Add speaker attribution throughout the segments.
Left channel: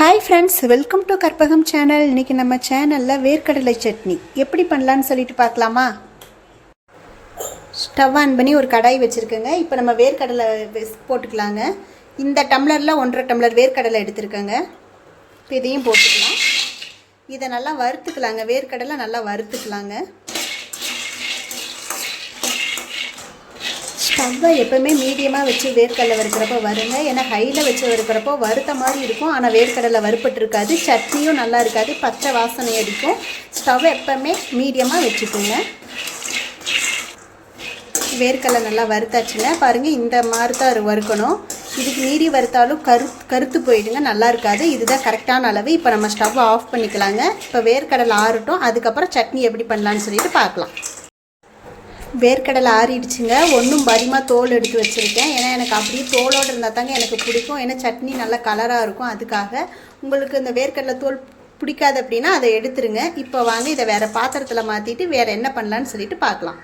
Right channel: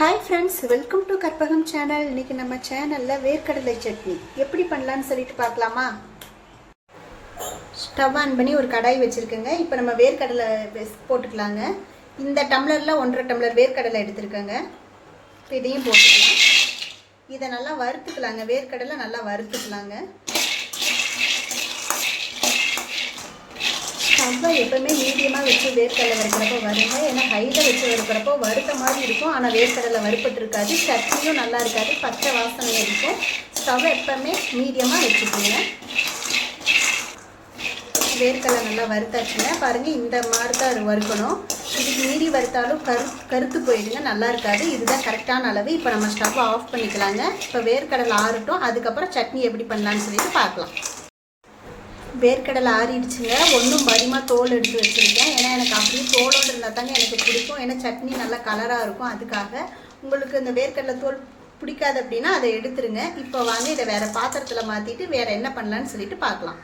Speaker 1: Hi friends welcome to Karpagam channel இன்னைக்கு நம்ம சேனலில் வேர்க்கடலை சட்னி. எப்படி பண்ணலான்னு சொல்லிட்டு பார்க்கலாமா? ஸ்டவ் ஆன் பண்ணி ஒரு கடாய் வச்சுருக்கேங்க. இப்போ நம்ம வேர்க்கடலை போட்டுக்கலாங்க. இந்த டம்ளரில் ஒன்றரை டம்ளர் வேர்க்கடலை எடுத்துருக்கேங்க. இப்போ இதையும் போட்டுக்கலாம். இதை நல்லா வறுத்துக்கலாங்க. வேர்க்கடலை நல்லா வறுத்துக்கலாங்க. ஸ்டவ்வை எப்பவுமே மீடியமாக வச்சு வேர்க்கடலை வறுக்கிறப்போ வருங்க. ஏன்னா ஹையில் வச்சு வறுக்கிறப்போ வறுத்த மாதிரி இருக்கும். ஆனால் வேர்க்கடலை வறுப்பட்டுருக்காது சட்னியும் நல்லா இருக்காது. பச்சை வாசனை அடிக்கும். ஸ்டவ் எப்பவுமே மீடியமாக வச்சுக்கோங்க. வேர்க்கடலை நல்லா வறுத்தாச்சுங்க. பாருங்கள் இந்த மாதிரி தான் வறுக்கணும். இதுக்கு மீறி வறுத்தாலும் கரு கருத்து போயிடுங்க. நல்லா இருக்காது. இதுதான் கரெக்டான அளவு. இப்போ நம்ம ஸ்டவ் ஆஃப் பண்ணிக்கலாங்க. இப்போ வேர்க்கடலை ஆறட்டும். அதுக்கப்புறம் சட்னி எப்படி பண்ணலான்னு சொல்லிட்டு பார்க்கலாம். வேர்க்கடலை ஆறிடுச்சுங்க. ஒன்றும் பரிமா தோல் எடுத்து வச்சுருக்கேன். ஏன்னா எனக்கு அப்படியே தோலோடு இருந்தால் தாங்க எனக்கு பிடிக்கும். ஏன்னா சட்னி நல்லா கலராக இருக்கும். அதுக்காக உங்களுக்கு இந்த வேர்க்கடலை தோல் பிடிக்காது அப்படின்னா அதை எடுத்துருங்க. இப்போ வாங்க இதை வேறு பாத்திரத்தில் மாற்றிட்டு வேறு என்ன பண்ணலான்னு சொல்லிட்டு பார்க்கலாம்.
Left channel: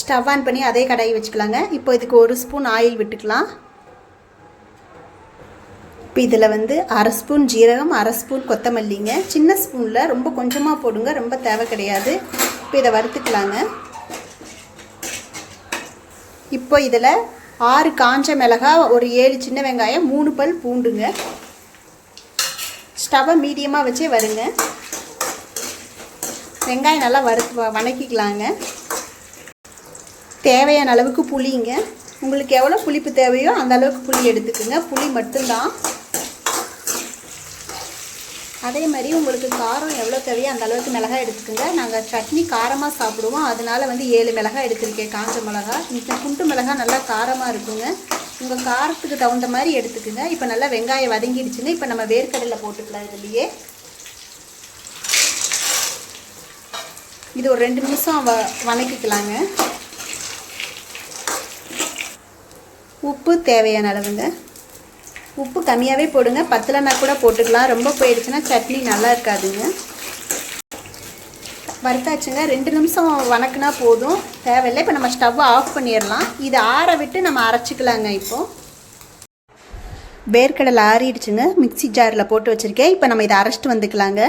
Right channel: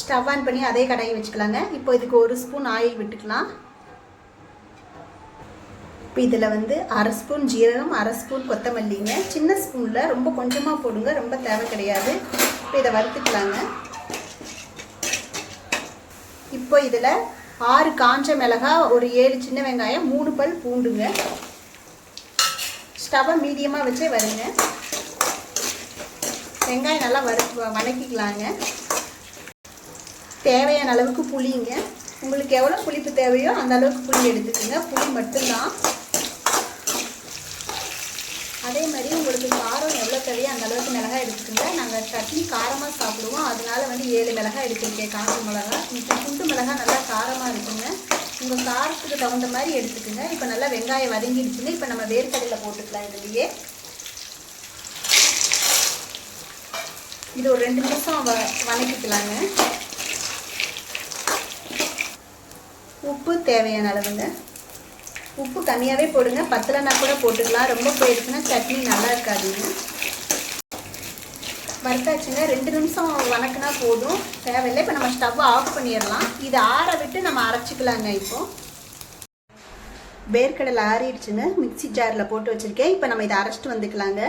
Speaker 1: ஸ்டவ் ஆன் பண்ணி அதே கடாயை வச்சுக்கலாங்க. இப்போ இதுக்கு ஒரு ஸ்பூன் ஆயில் விட்டுக்கலாம். இப்போ இதில் வந்து அரை ஸ்பூன் ஜீரகம் அரை ஸ்பூன் கொத்தமல்லிங்க. சின்ன ஸ்பூனில் ரொம்ப கொஞ்சமாக போடுங்க. ரொம்ப தேவை கிடையாது. இப்போ இதை வறுத்துக்கலாங்க. இப்போ இதில் ஆறு காஞ்ச மிளகா ஒரு ஏழு சின்ன வெங்காயம் மூணு பல் பூண்டுங்க. ஸ்டவ்வை மீடியமாக வச்சே வருங்க. வெங்காயம் நல்லா வறுத்து வணக்கிக்கலாங்க. தேவையான அளவுக்கு புளிங்க. உங்களுக்கு எவ்வளோ புளிப்பு தேவையோ அந்த அளவுக்கு புளி எடுத்துக்கோங்க. புளி மட்டும்தான். அதே மாதிரி உங்களுக்கு காரம் எவ்வளோ தேவையோ அந்த அளவுக்கு மிளகாய் எடுத்துக்கோங்க. நாங்கள் சட்னி காரமாக சாப்பிடுவோம். அதனால வந்து ஏழு மிளகாய் எடுத்துருக்கேன் காஞ்ச மிளகா இந்த குண்டு மிளகாய் நல்லா காரமாக இருக்குங்க. உங்கள் காரத்துக்கு தகுந்த மாதிரி எடுத்துக்கோங்க. இப்போ நல்லா வெங்காயம் வதங்கிடுச்சுங்க. இப்போ நம்ம வேர்க்கடலை போட்டுக்கலாம் இதுலேயே. இது ஒரு ரெண்டு நிமிஷம் வ வணக்கிக்கலாங்க. உப்பு தேவையான அளவுங்க. உப்பு கம்மியாகவே போடுங்க. பத்தலைனா கூட போட்டுக்கலாம். ரொம்ப போயிடுச்சுன்னா சட்னி நல்லா இருக்காதுங்க. வறுத்தாச்சுங்க. ரெண்டு நிமிஷம் வணக்குனா போதும். தேவையில்லை. இப்போ நம்ம ஸ்டவ் ஆஃப் பண்ணிடலாம். இதை ஆற விட்டு நம்ம அரைச்சிக்கலாங்க இப்போ. வேர்க்கடலை ஆறிடுச்சுங்க. மிக்ஸி ஜாரில் போட்டு வச்சுருக்கேன். இப்போ நம்ம இதை அரைச்சிட்டு வந்துக்கலாங்க.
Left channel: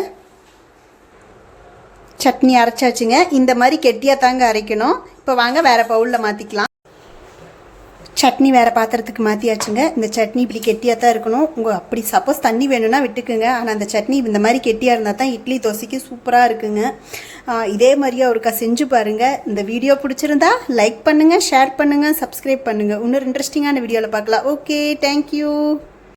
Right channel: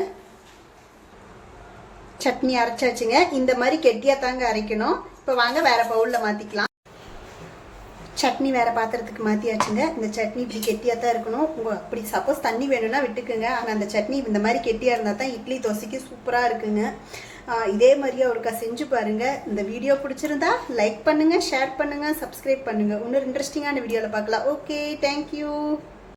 Speaker 1: சட்னி அரைச்சாச்சுங்க. இந்த மாதிரி கெட்டியாக தாங்க அரைக்கணும். இப்போ வாங்க வேறு பவுலில் மாற்றிக்கலாம் சட்னி வேறு பாத்திரத்துக்கு மாற்றியாச்சுங்க இந்த சட்னி இப்படி கெட்டியாக தான் இருக்கணும். உங்கள் அப்படி சப்போஸ் தண்ணி வேணும்னா விட்டுக்குங்க. ஆனால் அந்த சட்னி இந்த மாதிரி கெட்டியாக இருந்தால் தான் இட்லி தோசைக்கு சூப்பராக இருக்குங்க. இதே மாதிரியே ஒருக்கா செஞ்சு பாருங்கள் இந்த வீடியோ பிடிச்சிருந்தா லைக் பண்ணுங்கள் ஷேர் பண்ணுங்கள் சப்ஸ்கிரைப் பண்ணுங்கள் இன்னொரு இன்ட்ரெஸ்டிங்கான வீடியோவில் பார்க்கலாம். Okay thank you